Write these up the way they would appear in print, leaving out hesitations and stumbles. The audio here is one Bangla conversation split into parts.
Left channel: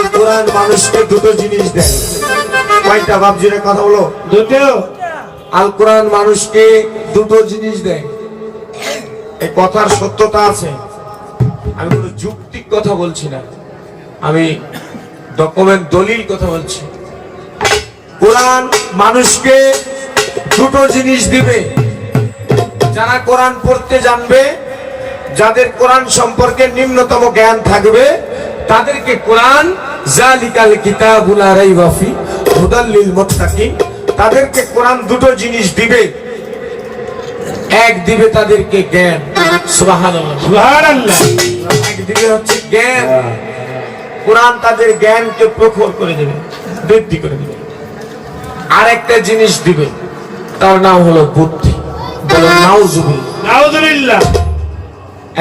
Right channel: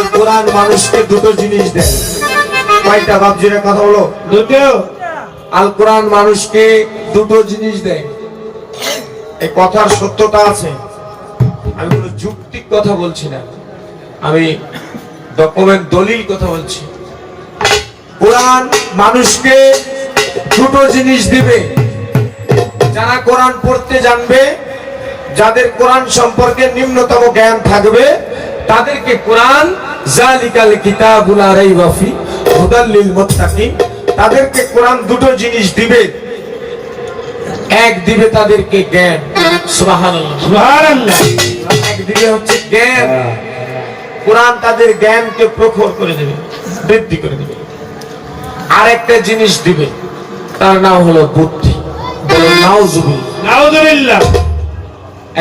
আল কোরআন মানুষকে দুটো জিনিস দেয়। কয়টা বাপজিরা কথা বলো? দুটো। আল কোরআন মানুষকে দুটো জিনিস দেয়। এই কথার সত্যতা আছে, আমি কোনো যুক্তিক কথা বলছি না, আমি ডকুমেন্ট দলিল কথা বলছি। কোরআন মানুষকে দুটো জিনিস দিবে। যারা কোরআন পড়তে জানবে, যাদের কোরআন সম্পর্কে নিম্নতম জ্ঞান থাকবে, তাদেরকে কোরআন জালিকাল কিতাবুল লা রাইবা ফি হুদাল লিল মুত্তাকিন, তাদেরকে কোরআন দুটো জিনিস দিবে। এক দিবে তাদেরকে জ্ঞান, সুবহানাল্লাহ সুবহানাল্লাহ, এক দিবে হচ্ছে জ্ঞান। কোরআন তাদের জ্ঞানকে প্রখর করে দেবে, বৃদ্ধি করে দেবে। আর একটা জিনিস দিবে, তার নাম হলো বুদ্ধি। বলে নাউজুবিল্লাহ নাউজুবিল্লাহ।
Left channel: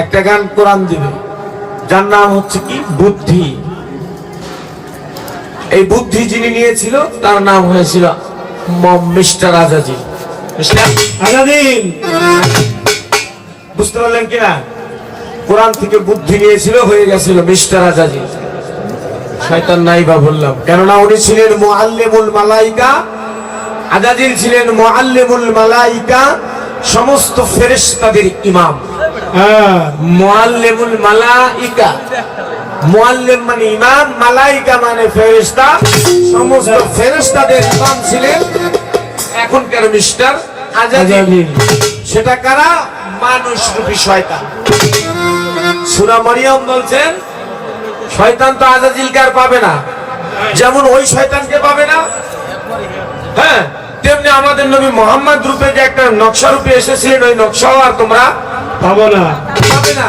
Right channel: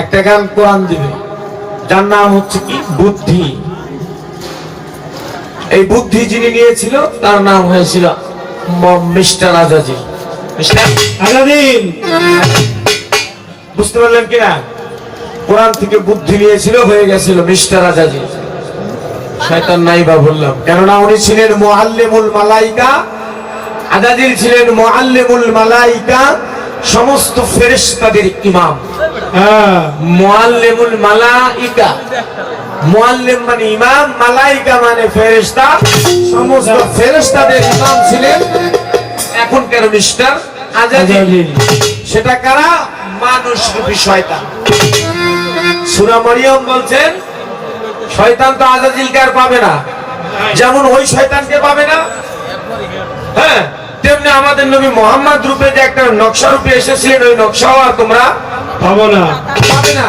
একটা জ্ঞান কোরআন দিবে, যার নাম হচ্ছে কি বুদ্ধি। এই বুদ্ধি যিনি নিয়েছিল তার নাম হয়েছিল মিস্টার আজাজিল। আজাজিল, বুঝতে পারলেন কিনা? কোরআন থেকে বুদ্ধি নিয়েছিল, হয়ে গেছিল মিস্টার আজাজিল। শয়তান নাই বা বললাম, কেননা উনি ছিলেন মুআল্লিমুল মালাইকা। আজাজিল ছিলেন মুআল্লিমুল মালাইকা, সমস্ত ফেরেশতাদের ইমাম। মুআল্লিমুল মালাইকা, মুআল্লিম মানে ইমাম, মালাইকা মানে ফেরেশতা, সমস্ত ফেরেশতাদের ইমাম ছিলেন এখনকার মিস্টার আজাজিল। সেটা কারা? মানুষ রূপী শয়তান। সূরা মারিয়াম বলছেন, শয়তান তো আজাজিলকে আর পাবে না, যেমন ওই শয়তানকে পাবে না, হ্যাঁ, তেমনি আমাদের নবী মুহাম্মদ রূপে যে একটা নকশা রূপে এসেছিলেন, ওই নকশাও আর তোমরা পাবো না, পাবে না।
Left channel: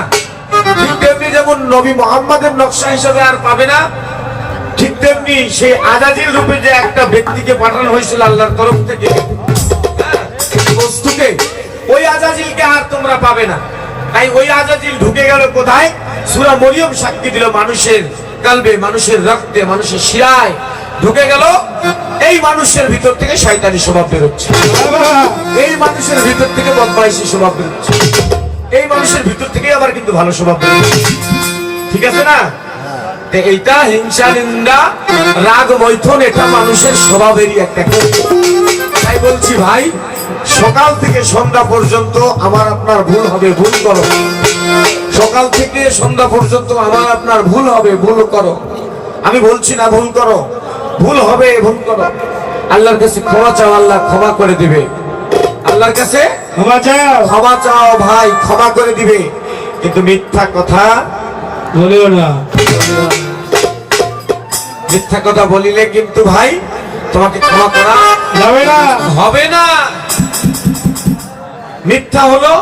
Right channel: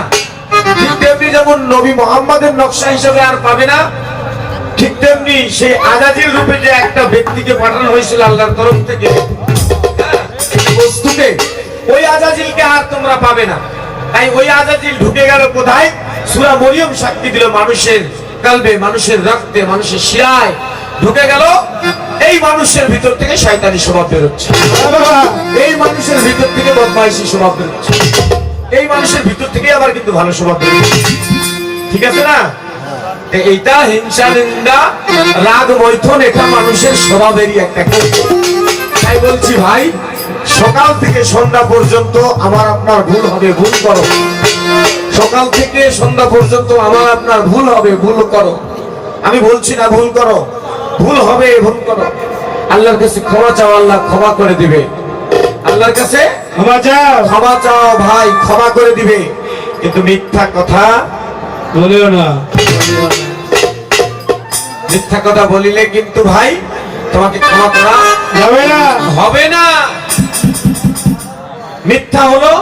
ঠিক তেমনি যেমন নবী মুহাম্মদের নকশা হিসেবে আর পাবে না, ঠিক তেমনি সেই আজাজিল রূপে যে একটা ব্যক্তিকে পাঠানো হয়েছিল আল্লাহর তরফ থেকে, বস্তুকে, ওই আজাজিলকে আর তোমরা পাবে না। তাই ওই আজাজিল ঢুকে গেল কোথায়? সূরা মরিয়ম সাক্ষী দিল, মানুষের কলবে, মানুষের রক্তে, মানুষের শিরায় ঢুকে গেল। এই মানুষের ভিতর থেকে শয়তানি স্বভাব বেরোচ্ছে, এই মানুষের ভিতর থেকে বদমাইশি স্বভাব বেরোচ্ছে, এই মানুষের ভিতর থেকে আবার কিন্তু ভালো স্বভাব বেরোচ্ছে। ঠিক আছে না? এইটা হিংসা, নিন্দা, রাগ, মৈথুন, এটা মানুষের স্বভাবেরই একটা। তাই বলছি ভাই, সকাল থেকে সন্ধ্যা পর্যন্ত আমার আপনার ভুল হবে, ভুল করো। সকাল থেকে সন্ধ্যা পর্যন্ত আমার আপনার ভুল হবে, ভুল করো। আমি বলছি না ভুল করো, ভুল হবে, ভুল করো। আল্লাহর কাছে ক্ষমা চাও, আল্লাহ ক্ষমা করে দিবে। আল্লাহর কাছে ক্ষমা চাও, ক্ষমা চাও ভাই, ক্ষমা করে দিবে। কিন্তু মিথ্যা কথা বলিও না। মিথ্যা কথা বলিলে কিন্তু ভাই তোমাকে ক্ষমা করা যাবে না, হবে না। মিথ্যা হলো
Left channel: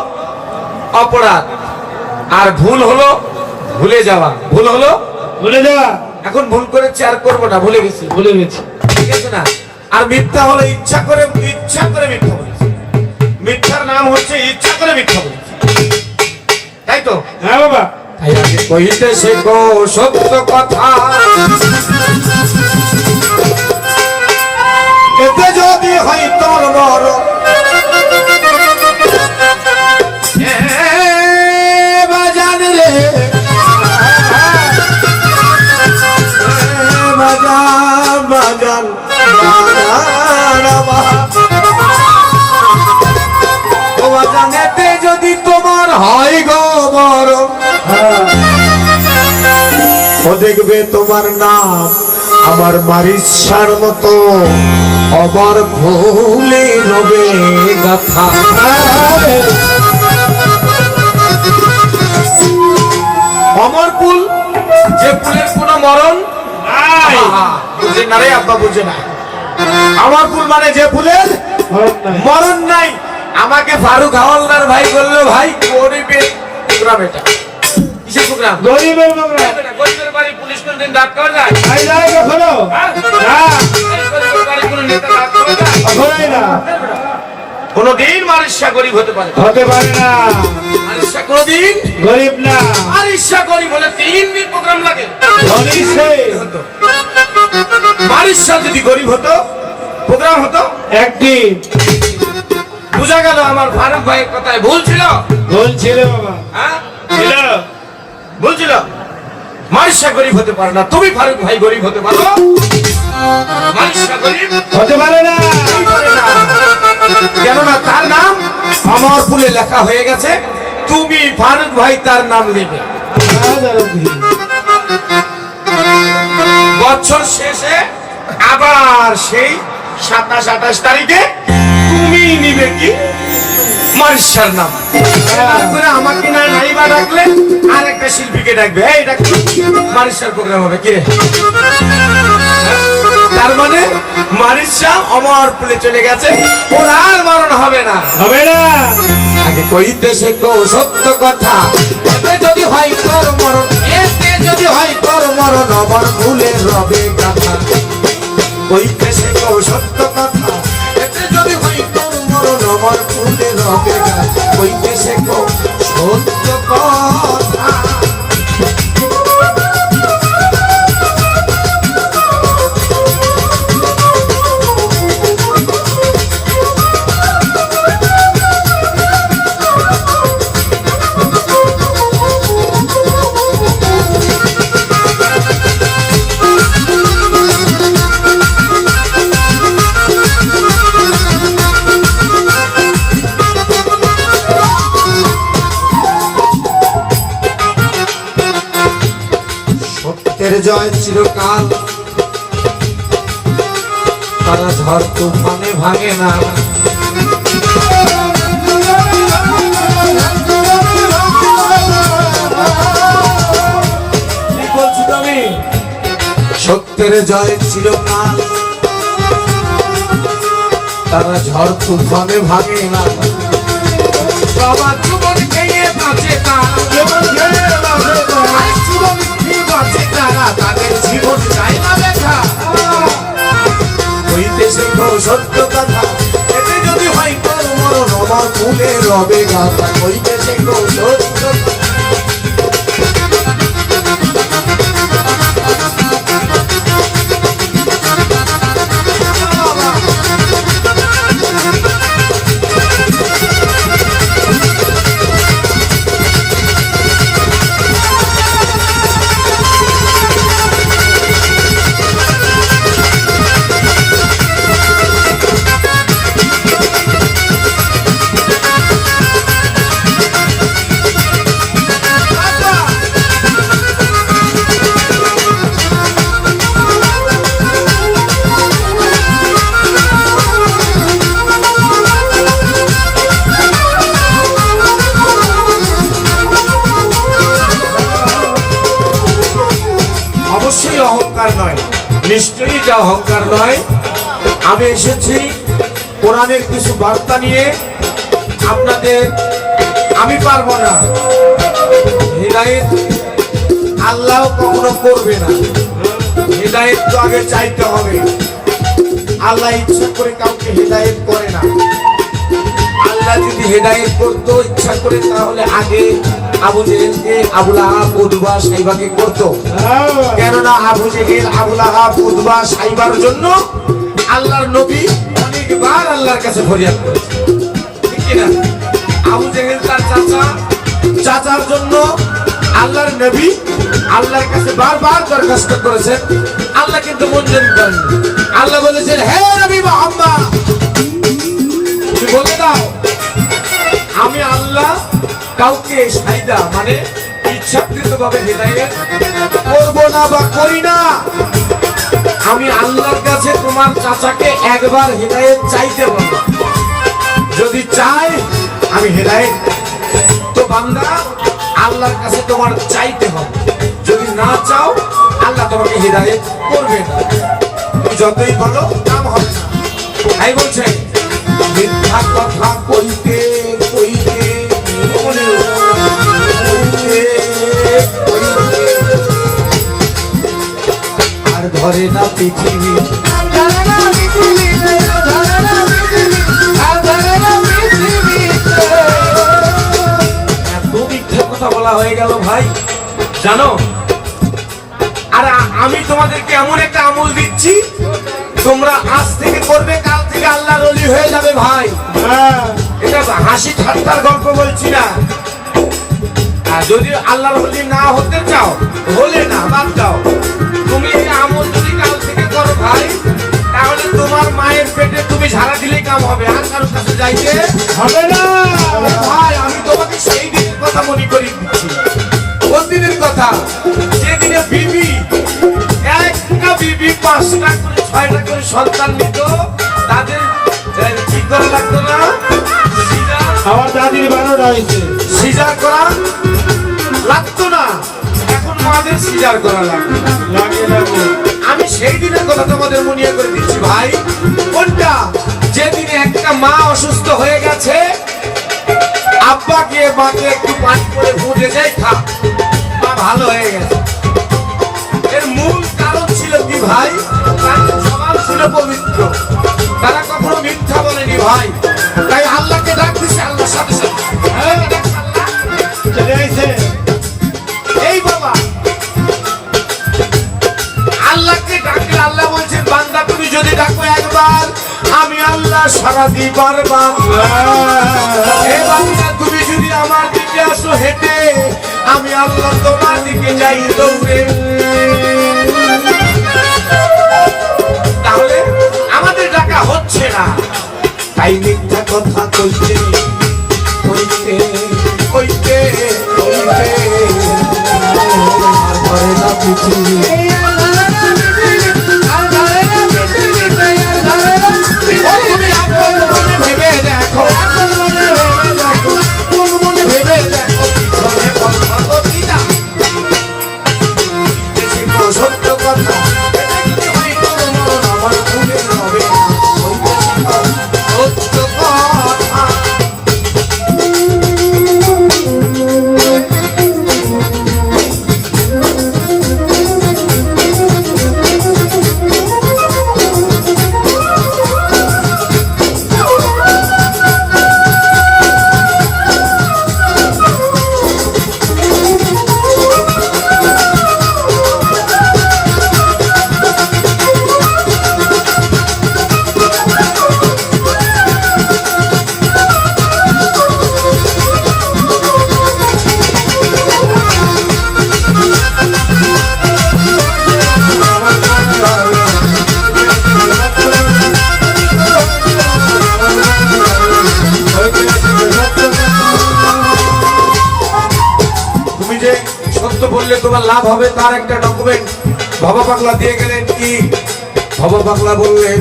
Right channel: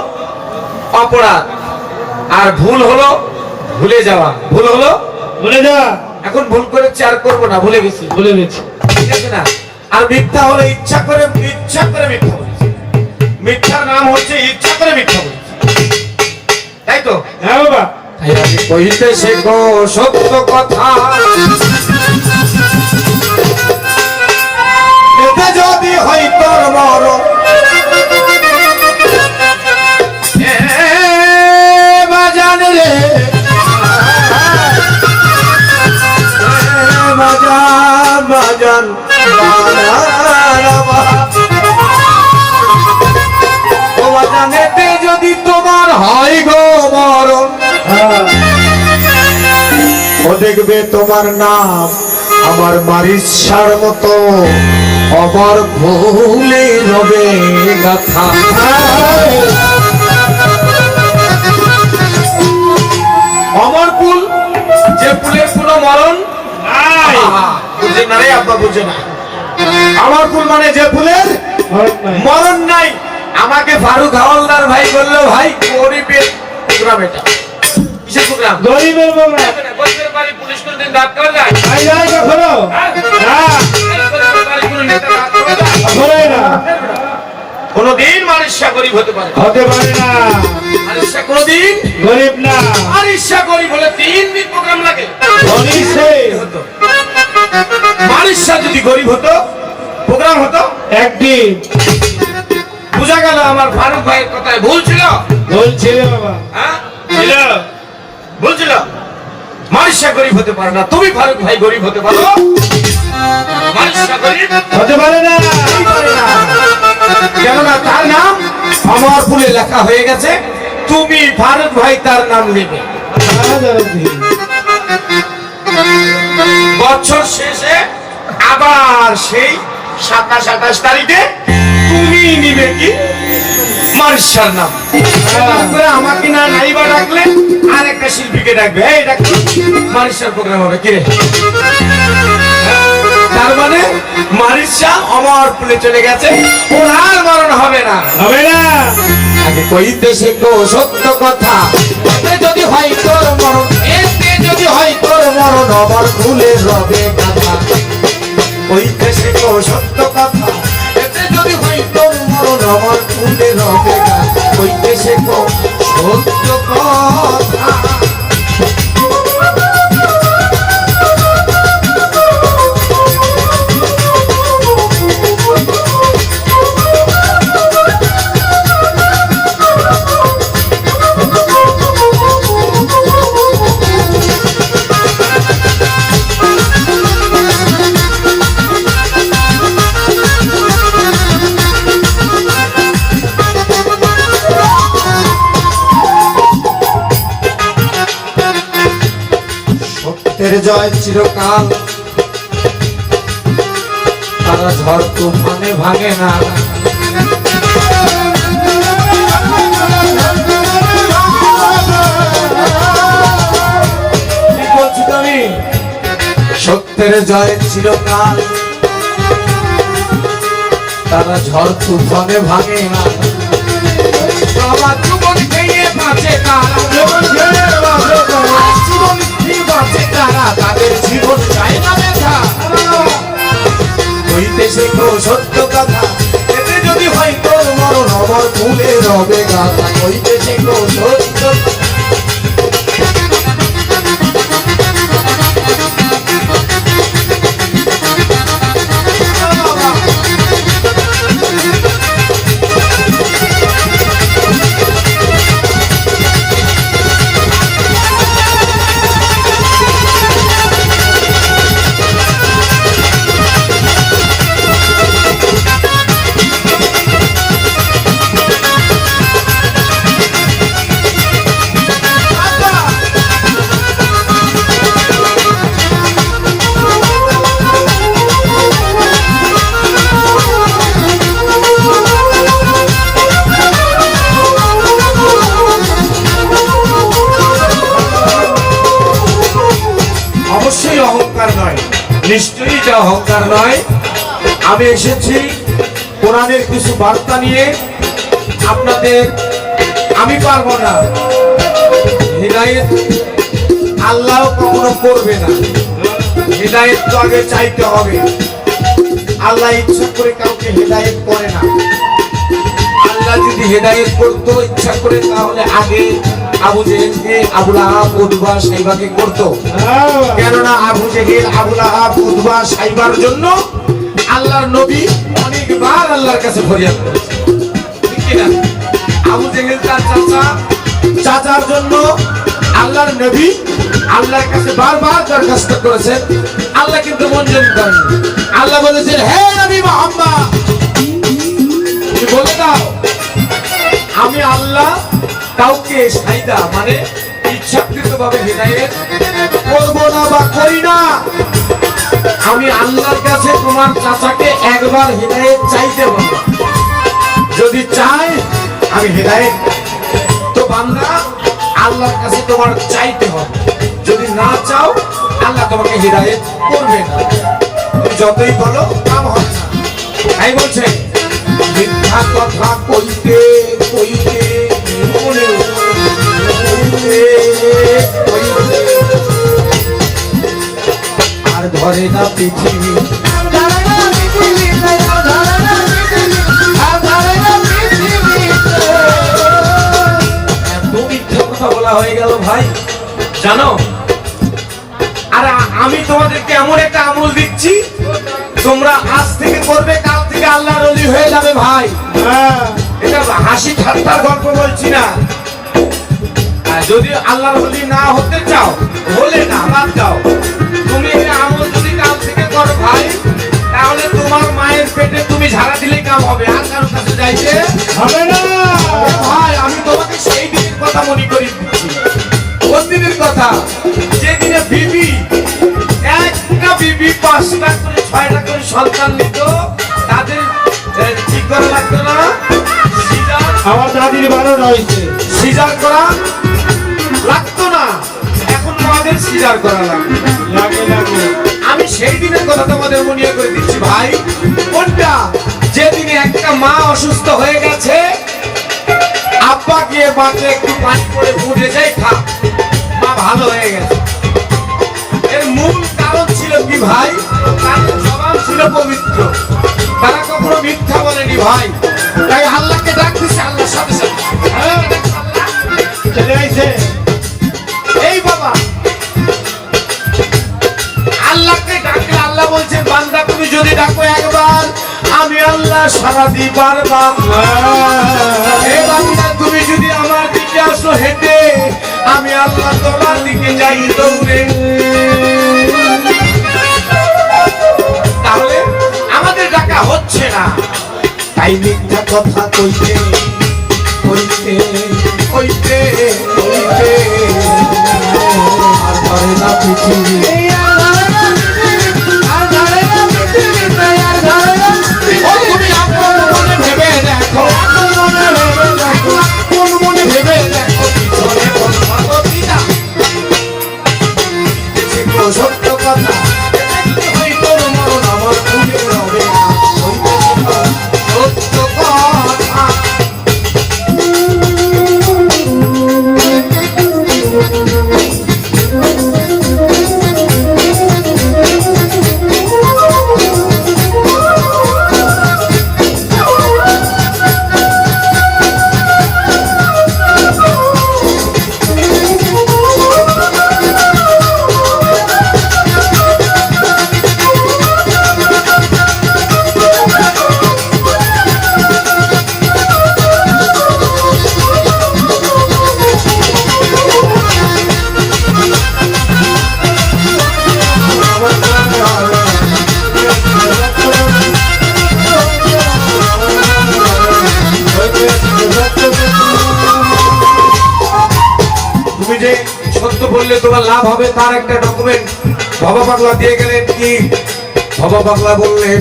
অপরাধ, আর ভুল হলো ভুলে যাওয়া। ভুল হলো ভুলে যাওয়া। এখন ভুল করেছি আর করবো না, ভুলে গেছি, ভুলে গেছি, ঠিক আছে না? আর মিথ্যা হলো ইচ্ছা করে মিথ্যা বলেছি। মিথ্যার নাম হচ্ছে ইচ্ছা করে মিথ্যা বলেছি, তাই তো? হ্যাঁ বাবা। তাই আমি কইতে শেখো সত্য কথা, এতে যদি হয় তোর মরণ, বাজান রে বাজান, বাজান ও বাজান, এতে যদি তোমার হয় গো মরণ, ও দেখবে তোমার নাম আমার মারিসার মতো অমর ভুলে হবে গাথা। অমর ফুল, যে ফুলের কোনো মরণ নাই। বুঝে না রে আব্বা, বুঝে না। আমার ফুল মানে যে ফুলের মরণ নাই। আমাকে ফারুক হাওলাদার ভাই বললো, ভাই গরিবের প্রোগ্রাম এটা। কিসের প্রোগ্রাম? গরিবের প্রোগ্রাম। গরিবের বাড়ি পুলিশ কোনদিন দাঁত করে যায়? যায় কখনো না। গরিবের বাড়ি কোনো নেতা দাঁত করে না। কোনদিন মারিসা গরিব হতে পারে, হতে পারে না। মারিসা কোনদিন গরিব না। মারিসা গরিব হলে 3 দিন প্রোগ্রাম লাগে। মারিসা যদি গরিব হতো, প্রোগ্রাম হতো একদিন। বুঝা গেল আমার ফারুক ভাইয়ের কথায় ভুল ছিল। ভুল ছিল বাবা, হ্যাঁ ছিল, ভুল ছিল। মারিসা গরিব হতে পারে না, তুমি ফারুক ভাই গরিব হতে পারো? মারিসা গরিব হতে পারে না। কেননা তার নাম আমার ফুলে লেখা হয়ে গেছে, তুমি ফারুক ভাই তার নাম নেবে। বছর শেষে আবার সেই 27-28 তারিখে তুমি নিবে কি মারিসার নাম। আমাকে না নাইবা ডাকলে আর একটা শিল্পীকে ডাকবে, এই ডাকবে মারিসার প্রোগ্রাম হবে কিরে। তার মানে মারিসা আমার ফুলে চলে গেছে, ওর আর মরণ হবে না, হবে না। আগে কইতেছে গো সত্য কথা, এতে যদি হয় তোর মরণ, এতে যদি হয় তোর মরণ, আমার ফুলে রবে কথা। কইতেছে গো সত্য কথা, এতে যদি হয় তোর মরণ, আমার ফুলে রবে কথা। কইতেছে গো সত্য কথা। সত্যের জয় চিরকাল, তারা ঝড় তুফানে ভাঙে না। ঠিক বলছি তো আমি? সত্যের জয় চিরকাল, তারা ঝড় তুফানে ভাঙে না। বাবা জীবন খেয়ে বাঁচে কারা, জীবন খেয়ে বাঁচে কারা, তাদের জীবন চাই না দেখা। কইতেছে গো সত্য কথা, এতে যদি হয় তোর মরণ, আমার ফুলে রবে গাথা। কইতেছে গো সত্য কথা। অবশ্যই অহংকার নয়, নিশ্চয়ই যা অহংকার নয়। আমি এসেছি কোরআনের কিছু বার্তা নিয়ে আপনাদের। আমি পারবো না, হিদায়াত আল্লাহ কখনো করবে না। হিদায়াত তো আগে চাইতে হবে। আল্লাহ ইচ্ছা করে কাউকে হিদায়াত করে না। আল্লাহ যদি হিদায়াত করতো ইচ্ছা করে, তাহলে আগে আবু জেহেলকে, আবু লাহাব, উতবা, সাইবাকে করতো। কেননা আবু জেহেল, আবু লাহাব, উতবা, সাইবার জন্য আল্লাহর নবী অনেকবার আল্লাহর কাছে ফরিয়াদ করেছে। ঠিক কি না? আবু জেহেল তার চাচার জন্য আল্লাহর নবী আল্লাহর কাছে বারবার দরখাস্ত করেছে। আল্লাহ কিন্তু মঞ্জুর করেন। আল্লাহ বলেছেন, হে নবী মুহাম্মদ, তুমি বলে দাও আমি আল্লাহ কাউকে সাইদা মানে ইচ্ছাকৃতভাবে হিদায়াত করব না বা করি না। আমি আল্লাহর কাছে তোমার চাচাকে একবার হিদায়াত চাইতে বলবো। যদি চাই আমি হিদায়াত, তো বান্দা আল্লাহর কাছে তোমার চাইতে হবে। যদি না চাও, আল্লাহ তোমাকে হিদায়াত করবে না। তুমি যতই বলো কাম হবে না। তাই বলছে মিথ্যা কথা কইতে কইতে আর ধরে না পৃথিবী। মিথ্যা কথা বলা হয়ে গেল ভাই, জানো? আর আমি তোমাদেরকে এমন একটা আমল দিচ্ছি, তোমরা আজ থেকে করবে, কাল থেকে আল্লাহর ওলি হয়ে যাবে ভাই। এটা হাসি ঠাট্টার গল্প বলছি না। যদি আল্লাহর ওলি না হতে চাও, হলে না, বাদ দাও। তুমি এই আমল যদি কাল থেকে করো ভাই, তাহলে তোমার মায়ের পেটে তুমি ঝাড়া দিলে কাম হবে, আর কারোর কাছে যাইতে হবে না। ভাই আমি তোমাকে সেই দিনের কথা মনে করি দিচ্ছি। কোন দিনের কথা? যেদিনে বিবি একটা বিবি 5টা করে 6টা করে সন্তান নিত, তাদের কি করা লাগতো না? আমার দাদির 12টা হয়েছে, সিজার করা লাগতো না। এখন মাদের সিজার করা লাগে। আমি সেই দিনের কথা তোমাদের মনে করে দিচ্ছি ভাই। কোনটা? যেদিনে একটা মা অসুস্থ হয়ে গেছে, আব্বা গিয়ে মাকে একটু পানি করে ফুটে যায়, খা, মা ভালো হয়ে গেছে। এর মূল কারণ ছিল কি ভাই? তাদের স্বভাব ছিল পবিত্র, তারা কখনো মিথ্যা বলেনি ভাই। তাই আল্লাহকে ডাক দিছে, আল্লাহর সাথে সাথে চলে আইছে। এই বাবা আল্লাহকে ডাকলে আল্লাহ বলছেন, বান্দা তুমি যদি ডাকো একবার, আমি আল্লাহ সারা দিই বারবার। এ বান্দা তুমি যদি আমার দিকে আসো হেঁটে, আমি আল্লাহ তোমার দিকে যাই দৌড়ে। তাহলে আমাদের ডাকা হচ্ছে না, তাই মিথ্যা কথা কইতে কইতে কইতে কইতে আর ধরে না পৃথিবী। তুমি আপন মনে ভেবে দেখো, আপন মনে ভেবে দেখো, পিছনে কথা বলিনা। দেখি তো সত্য কথা, হয়তো মরণ আমার ভুলে হবে না, সত্য কথা। তুমি যে সত্য বললে তোমার লাভ হবে, তার একটা ডকুমেন্ট বাবা পাগলা দিয়ে গেলেন। কি বাবা পাগলা বললেন?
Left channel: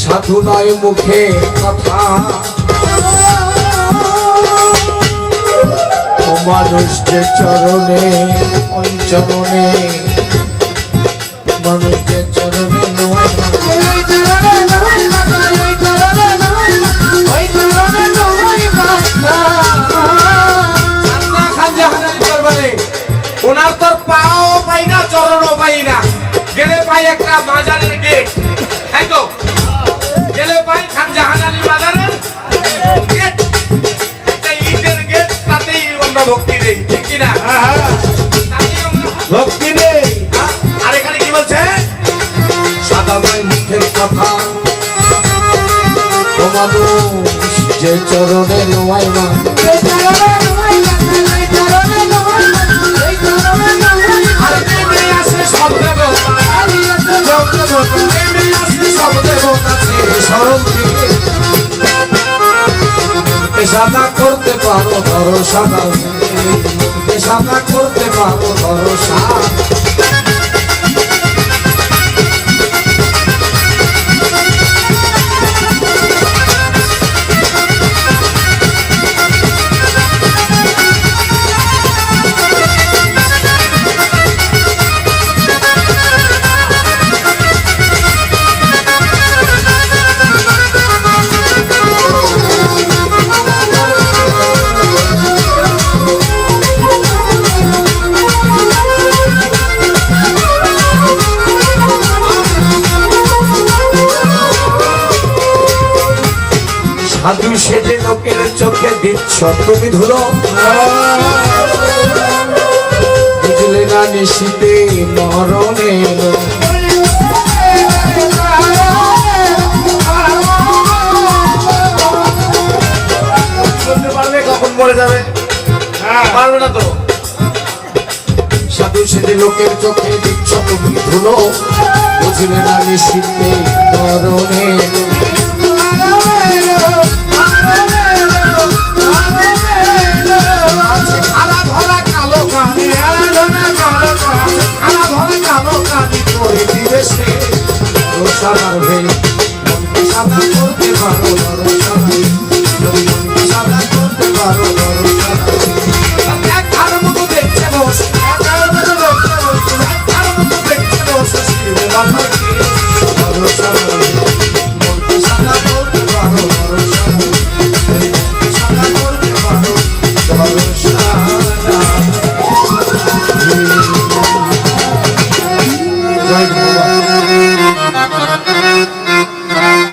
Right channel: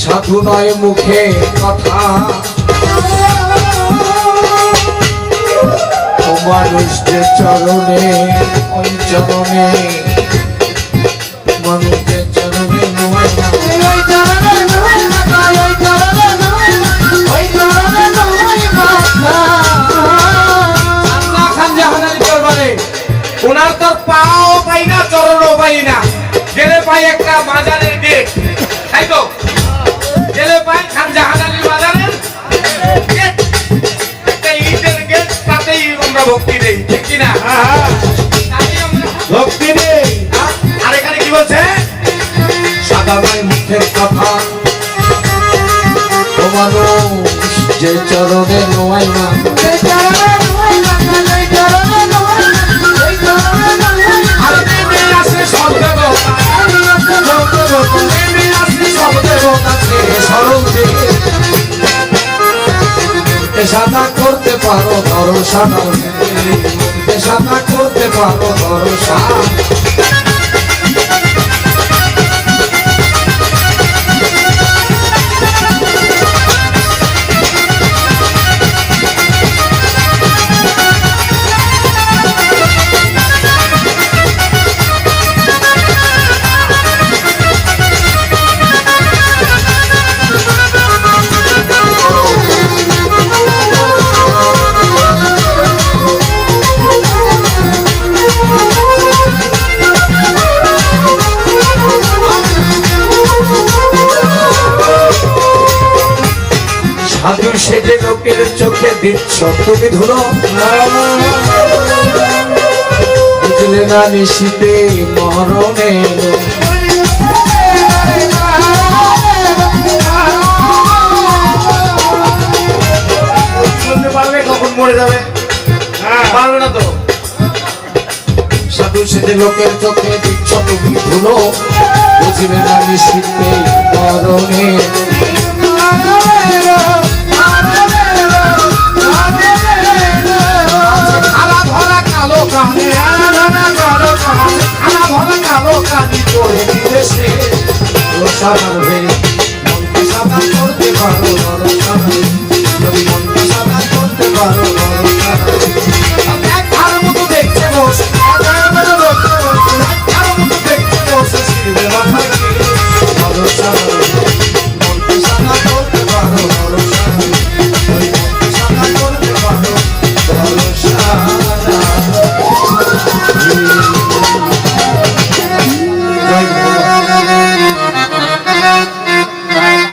সাধু নয় মুখে কথা, ও মানুষ যে চরণে, ওই চরণে, মানুষ যে চরণে নয় না, ওই চরণে নয় না, ওই চরণে নয় না, ওই চরণে নয় না। ওনার তোর পাও পাই না, চরণও পাই না, গেলে পাই একটা বাজারের গেট, তাই তো? গেলে পাই খান জাহানারি বাজারের গেট, একটা ইটের গেট, তাতেই আমরা ভক্তি দেই, ঠিক কিনা? ভক্তি দেই। আর এখানে কি বলছে? সাদা নয় মুখের কথা, ও মানুষ যে চরণে নোয়াই মা, সাদা করতে পারো ভরসা, সাদা করতে পারো ভরসা। সাধু সেজে লোকের চোখে দিচ্ছ তুমি ধুলো, বুঝলে না নিশিতে মরণে। বলতে পারবে কখন মরে যাবে? পারবে না সেজে লোকের চোখে দিচ্ছ তুমি ধুলো, বুঝবে না নিশ্চিত এই ধরনের